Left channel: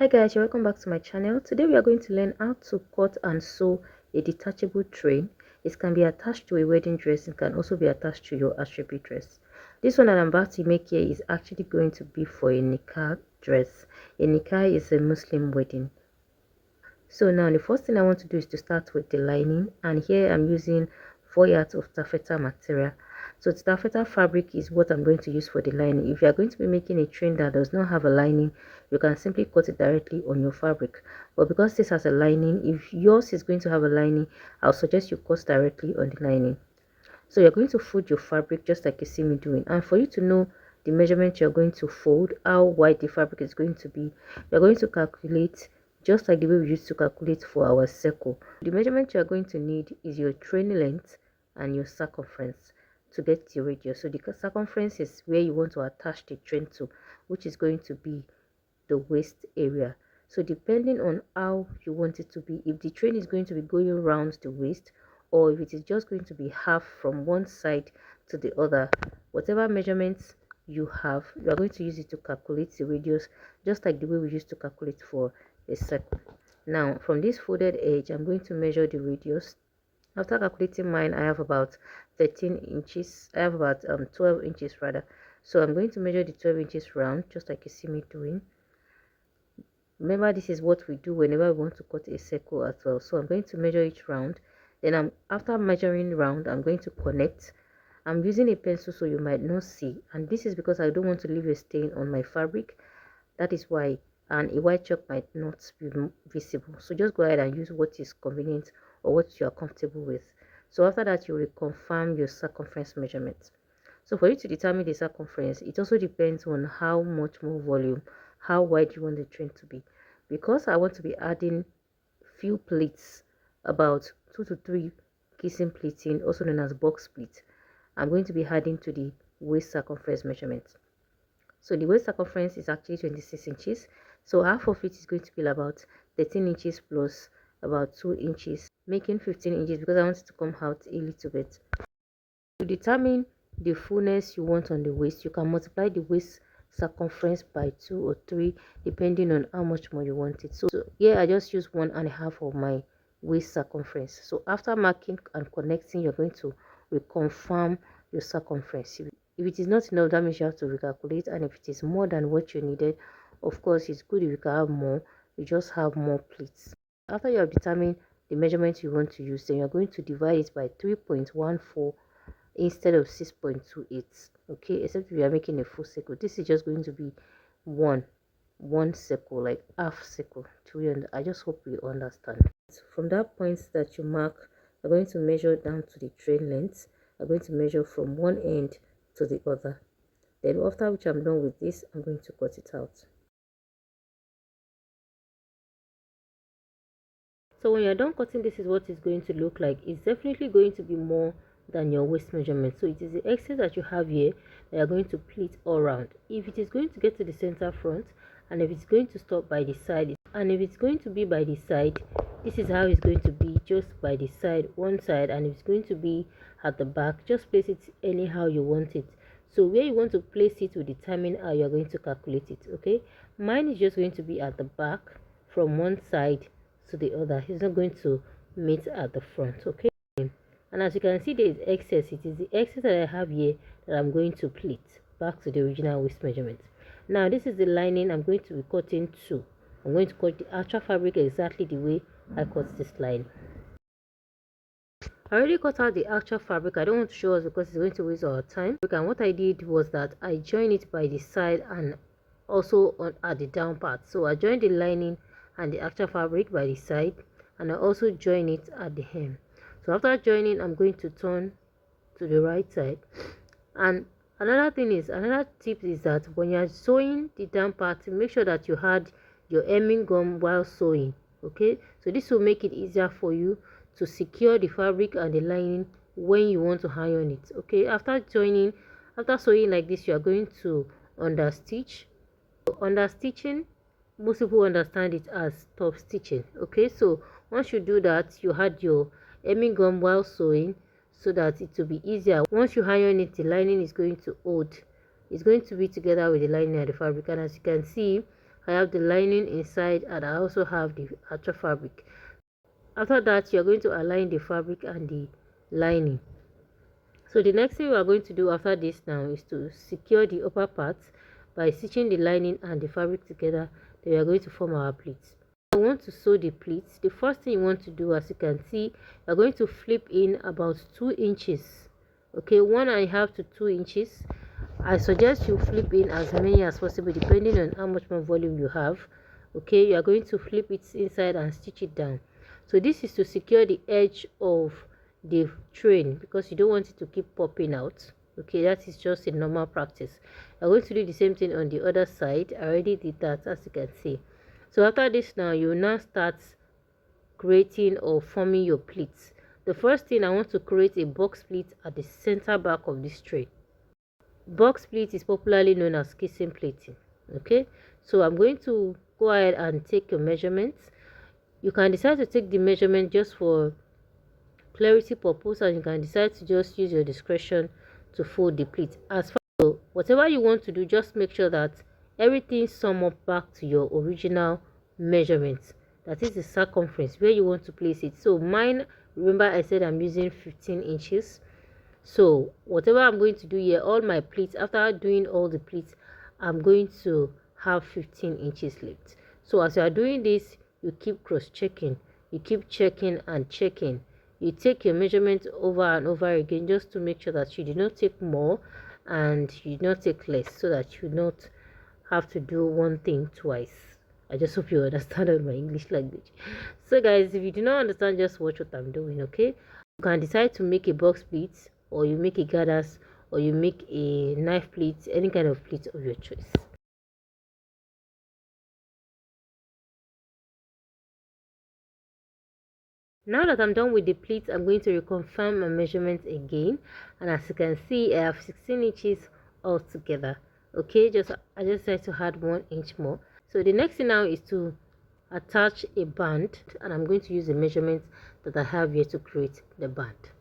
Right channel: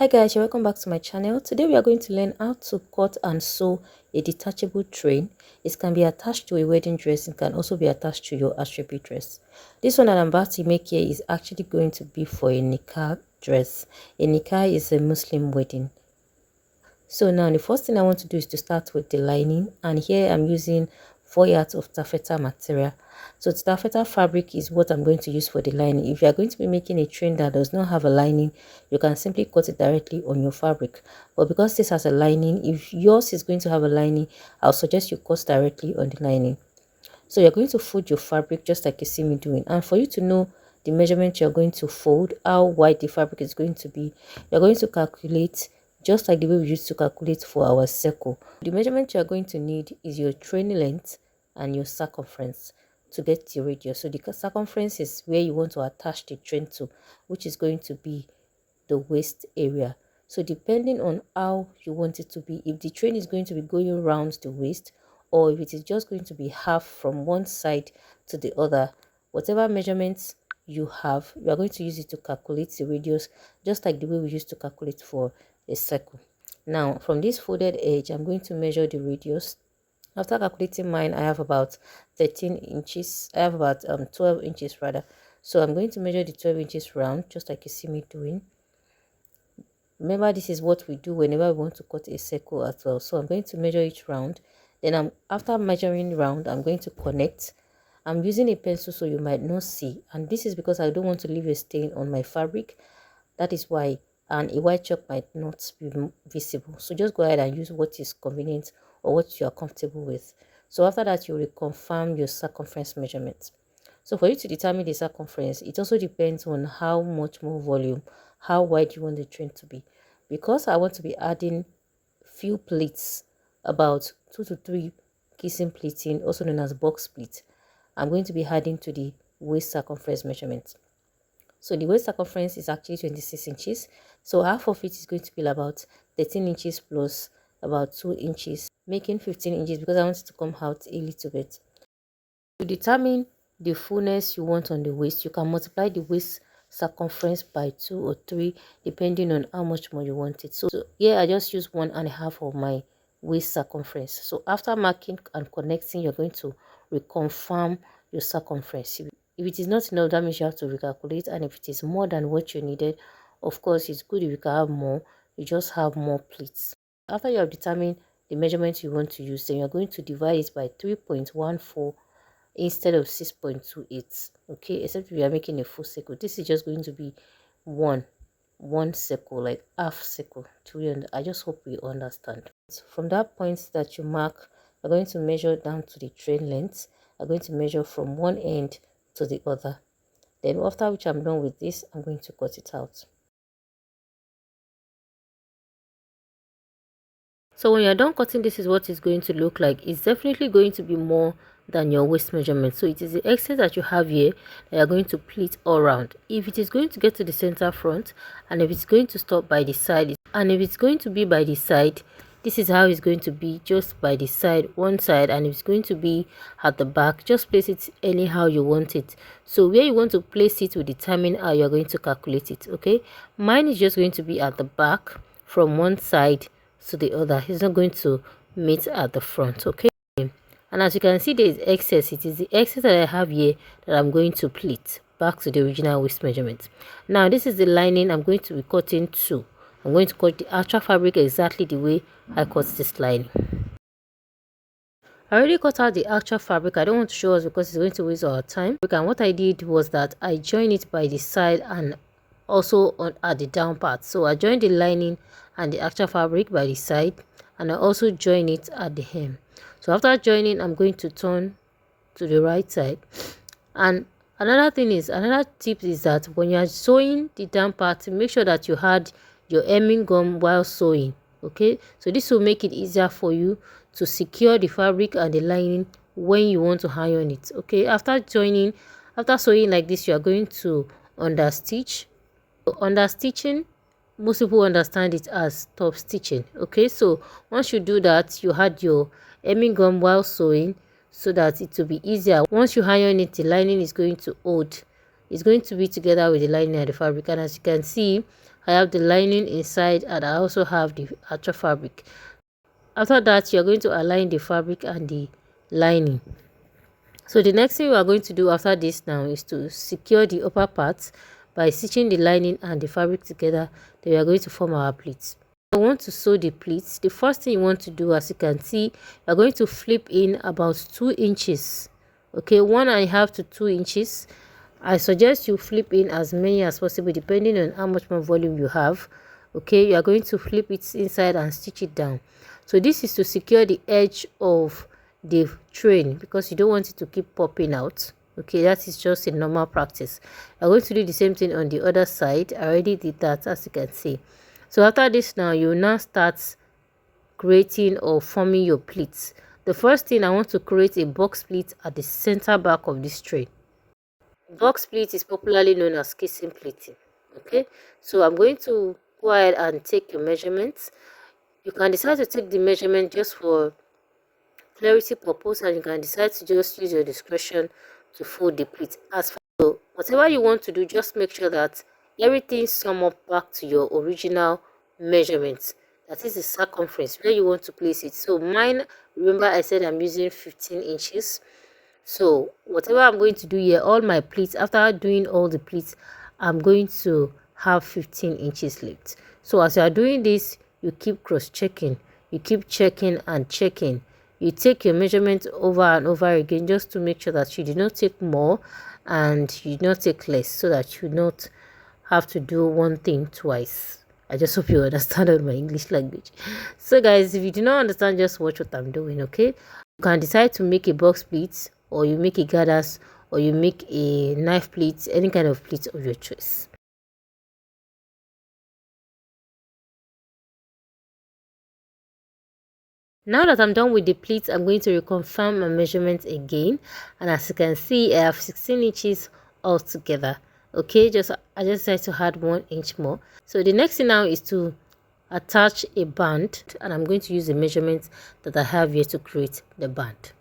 Hi guys, you're welcome back to my channel. Today we are going to learn how to cut and sew a detachable train. It can be attached to a wedding dress. It can also be attached to your astrology dress. This one that I'm about to make here is actually going to be for a nikah dress. A nikah is a Muslim wedding. So now the first thing I want to do is to start with the lining, and here I'm using 4 yards of taffeta material. So the taffeta fabric is what I'm going to use for the lining. If you are going to be making a train that does not have a lining, you can simply cut it directly on your fabric. But because this has a lining, if yours is going to have a lining, I'll suggest you cut directly on the lining. So you're going to fold your fabric just like you see me doing, and for you to know the measurement you're going to fold, how wide the fabric is going to be, you're going to calculate just like the way we used to calculate for our circle. The measurement you're going to need is your train length and your circumference to get the radius. So the circumference is where you want to attach the train to, which is going to be the waist area. So depending on how you want it to be, if the train is going to be going around the waist, or if it is just going to be half from one side to the other, whatever measurements you have, you are going to use it to calculate the radius, just like the way we used to calculate for a circle. Now from this folded edge, I'm going to measure the radius. After calculating mine, I have about 13 inches. I have about 12 inches rather. So I'm going to measure the 12 inches round, just like you see me doing. Remember, this is what we do whenever we want to cut a circle as well. So I'm going to measure each round. Then after measuring round, I'm going to connect. I'm using a pencil so you might not see, and this is because I don't want to leave a stain on my fabric. That is why, and a white chalk might not be visible. So just go ahead and use what is convenient or what you are comfortable with. So after that, you will confirm your circumference measurement. So for you to determine the circumference, it also depends on how much more volume, how wide you want the train to be. Because I want to be adding few pleats, about 2 to 3 kissing pleating, also known as box pleat, I'm going to be adding to the waist circumference measurement. So the waist circumference is actually 26 inches. So half of it is going to be about 13 inches plus about 2 inches, making 15 inches because I want it to come out a little bit. To determine the fullness you want on the waist, you can multiply the waist circumference by 2 or 3 depending on how much more you want it. So here I just use 1.5 of my waist circumference. So after marking and connecting, you're going to reconfirm your circumference. If it is not enough, that means you have to recalculate, and if it is more than what you needed, of course it's good if you can have more. You just have more pleats. After you have determined the measurement you want to use, then you're going to divide it by 3.14 instead of 6.28. Okay, except if you are making a full circle. This is just going to be one circle, like half circle. I just hope you understand. So from that point that you mark, you're going to measure down to the train length. I'm going to measure from one end to the other. Then after which I'm done with this, I'm going to cut it out. So when you're done cutting, this is what it's going to look like. It's definitely going to be more than your waist measurement. So it is the excess that you have here that you're going to pleat all around. If it is going to get to the center front, and if it's going to stop by the side, and if it's going to be by the side, this is how it's going to be, just by the side, one side. And if it's going to be at the back, just place it anyhow you want it. So where you want to place it will determine how you're going to calculate it. Okay, mine is just going to be at the back from one side to the other. It's not going to meet at the front. Okay, and as you can see, there is excess. It is the excess that I have here that I'm going to pleat back to the original waist measurement. Now this is the lining I'm going to be cutting to. I'm going to cut the actual fabric exactly the way I cut this lining. I already cut out the actual fabric. I don't want to show us because it's going to waste our time. And what I did was that I joined it by the side and also at the down part. So I joined the lining and the actual fabric by the side, and I also join it at the hem. So after joining, I'm going to turn to the right side. And another tip is that when you are sewing the down part, make sure that you had your hemming gum while sewing. Okay, so this will make it easier for you to secure the fabric and the lining when you want to iron it. Okay, after sewing like this, you are going to understitch. Understitching, most people understand it as top stitching. Okay, so once you do that, you had your hemming gum while sewing so that it will be easier. Once you iron it, the lining is going to hold. It's going to be together with the lining and the fabric, and as you can see, I have the lining inside, and I also have the actual fabric. After that, you're going to align the fabric and the lining. So the next thing we are going to do after this now is to secure the upper part by stitching the lining and the fabric together. Then we are going to form our pleats. I want to sew the pleats. The first thing you want to do, as you can see, you're going to flip in about 2 inches. Okay, 1.5 to 2 inches. I suggest you flip in as many as possible depending on how much more volume you have. Okay, you are going to flip it inside and stitch it down. So this is to secure the edge of the train because you don't want it to keep popping out. Okay, that is just a normal practice. I'm going to do the same thing on the other side. I already did that, as you can see. So after this now, you now start creating or forming your pleats. The first thing, I want to create a box pleat at the center back of this train. Box pleat is popularly known as kissing pleating. Okay, so I'm going to go ahead and take your measurements. You can decide to take the measurement just for clarity purpose, and you can decide to just use your discretion to fold the pleat. As far as whatever you want to do, just make sure that everything sum up back to your original measurements. That is the circumference where you want to place it. So mine, remember I said I'm using 15 inches. So whatever I'm going to do here, all my pleats, after doing all the pleats, I'm going to have 15 inches left. So as you are doing this, you keep cross-checking, you keep checking and checking. You take your measurement over and over again just to make sure that you do not take more and you do not take less, so that you do not have to do one thing twice. I just hope you understand my English language. So guys, if you do not understand, just watch what I'm doing, okay? You can decide to make a box pleat, or you make a gathers, or you make a knife pleat, any kind of pleat of your choice. Now that I'm done with the pleats, I'm going to reconfirm my measurements again, and as you can see, I have 16 inches altogether. Okay, I just decided to add 1 inch more. So the next thing now is to attach a band, and I'm going to use the measurements that I have here to create the band.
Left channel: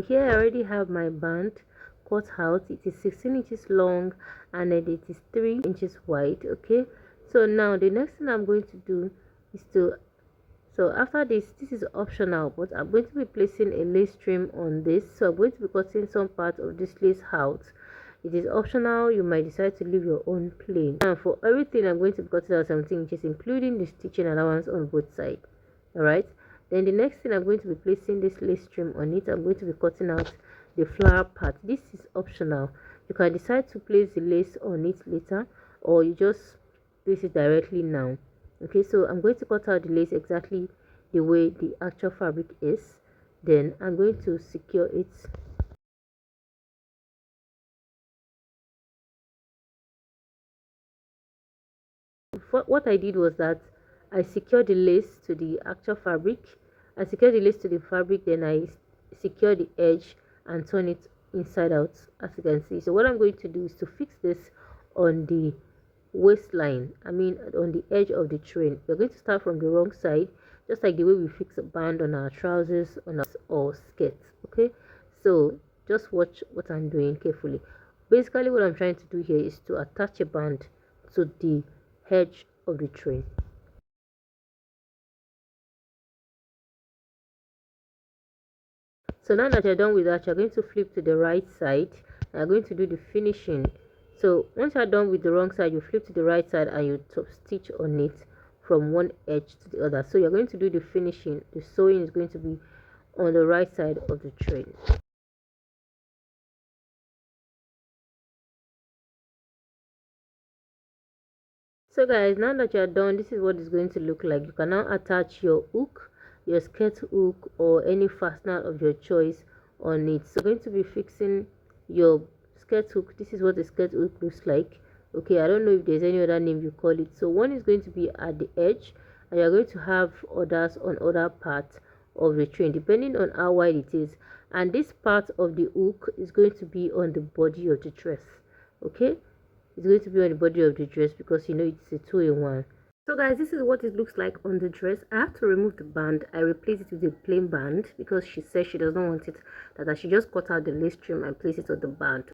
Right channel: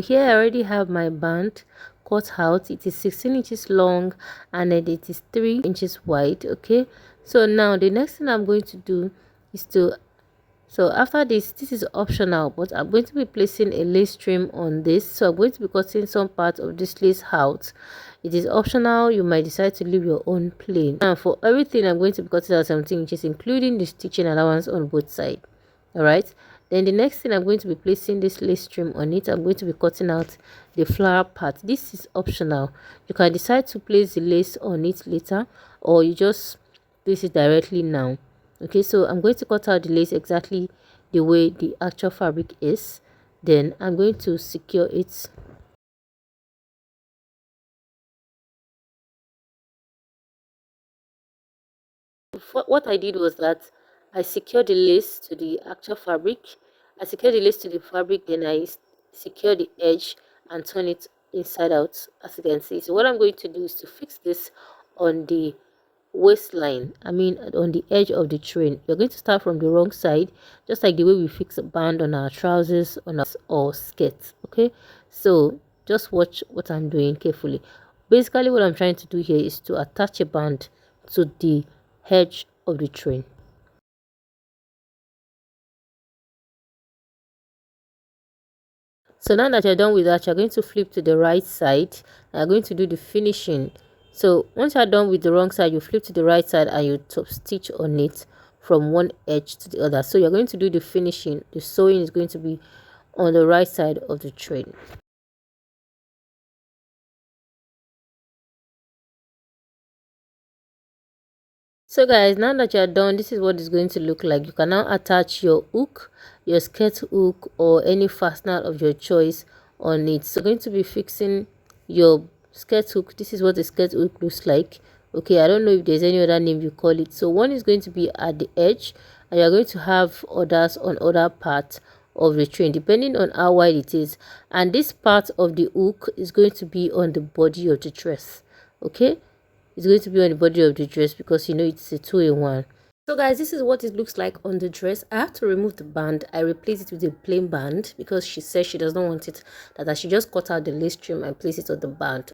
Here I already have my band cut out. It is 16 inches long and then it is 3 inches wide. Okay, so now the next thing I'm going to do is to, so after this is optional, but I'm going to be placing a lace trim on this. So I'm going to be cutting some part of this lace out. It is optional, you might decide to leave your own plain. And for everything, I'm going to be cutting out 17 inches, including the stitching allowance on both sides. All right, then the next thing, I'm going to be placing this lace trim on it. I'm going to be cutting out the flower part. This is optional. You can decide to place the lace on it later, or you just place it directly now. Okay, so I'm going to cut out the lace exactly the way the actual fabric is. Then I'm going to secure it. What I did was that I secured the lace to the actual fabric. I secured the lace to the fabric, then I secure the edge and turn it inside out, as you can see. So what I'm going to do is to fix this on the waistline, on the edge of the train. You're going to start from the wrong side, just like the way we fix a band on our trousers on our or skirts. Okay, so just watch what I'm doing carefully. Basically what I'm trying to do here is to attach a band to the edge of the train. So now that you're done with that, you're going to flip to the right side and you're going to do the finishing. So once you're done with the wrong side, you flip to the right side and you top stitch on it from one edge to the other. So you're going to do the finishing. The sewing is going to be on the right side of the train. So guys, now that you're done, this is what it's going to look like. You can now attach your hook, your skirt hook, or any fastener of your choice on it. So going to be fixing your skirt hook. This is what the skirt hook looks like. Okay, I don't know if there's any other name you call it. So one is going to be at the edge, and you're going to have others on other parts of the train depending on how wide it is, and this part of the hook is going to be on the body of the dress. Okay, it's going to be on the body of the dress because it's a 2-in-1. So guys, this is what it looks like on the dress. I have to remove the band. I replace it with a plain band because she says she does not want it, that I should just cut out the lace trim and place it on the band.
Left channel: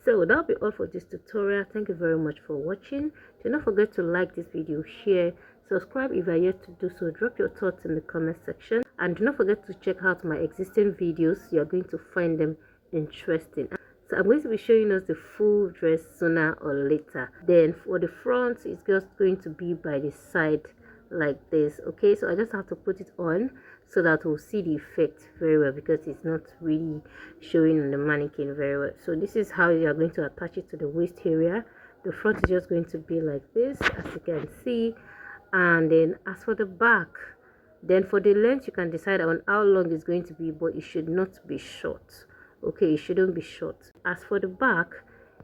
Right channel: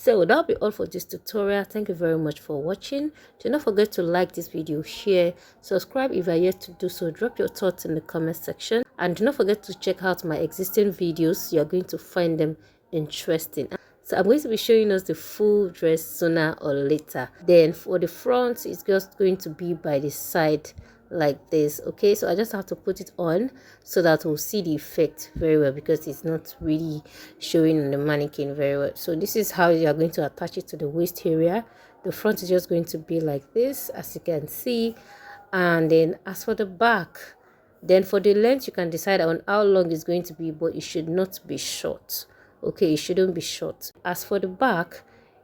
So that'll be all for this tutorial. Thank you very much for watching. Do not forget to like this video, share, subscribe if you are yet to do so. Drop your thoughts in the comment section, and do not forget to check out my existing videos. You are going to find them interesting. So I'm going to be showing us the full dress sooner or later. Then for the front, it's just going to be by the side like this. Okay, so I just have to put it on so that we'll see the effect very well, because it's not really showing on the mannequin very well. So this is how you are going to attach it to the waist area. The front is just going to be like this, as you can see. And then as for the back, then for the length, you can decide on how long it's going to be, but it should not be short. Okay, it shouldn't be short. As for the back,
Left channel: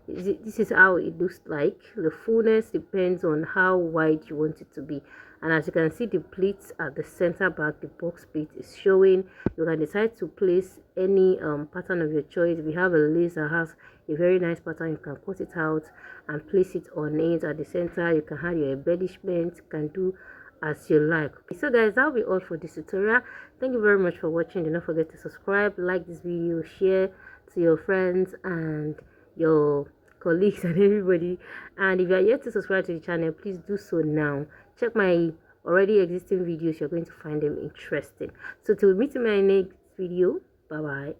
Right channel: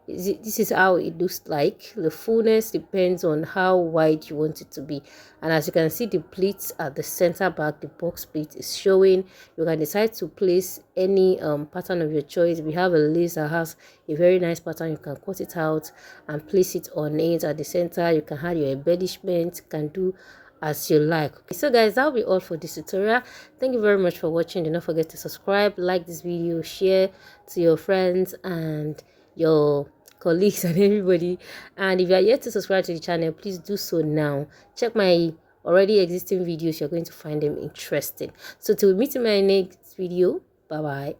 this is how it looks like. The fullness depends on how wide you want it to be. And as you can see, the pleats at the center back, the box pleat is showing. You can decide to place any pattern of your choice. We have a lace that has a very nice pattern. You can cut it out and place it on it at the center. You can add your embellishment. You can do as you like. Okay, so guys, that'll be all for this tutorial. Thank you very much for watching. Do not forget to subscribe, like this video, share to your friends and your colleagues and everybody. And if you are yet to subscribe to the channel, please do so now. Check my already existing videos. You're going to find them interesting. So till we meet in my next video, bye bye.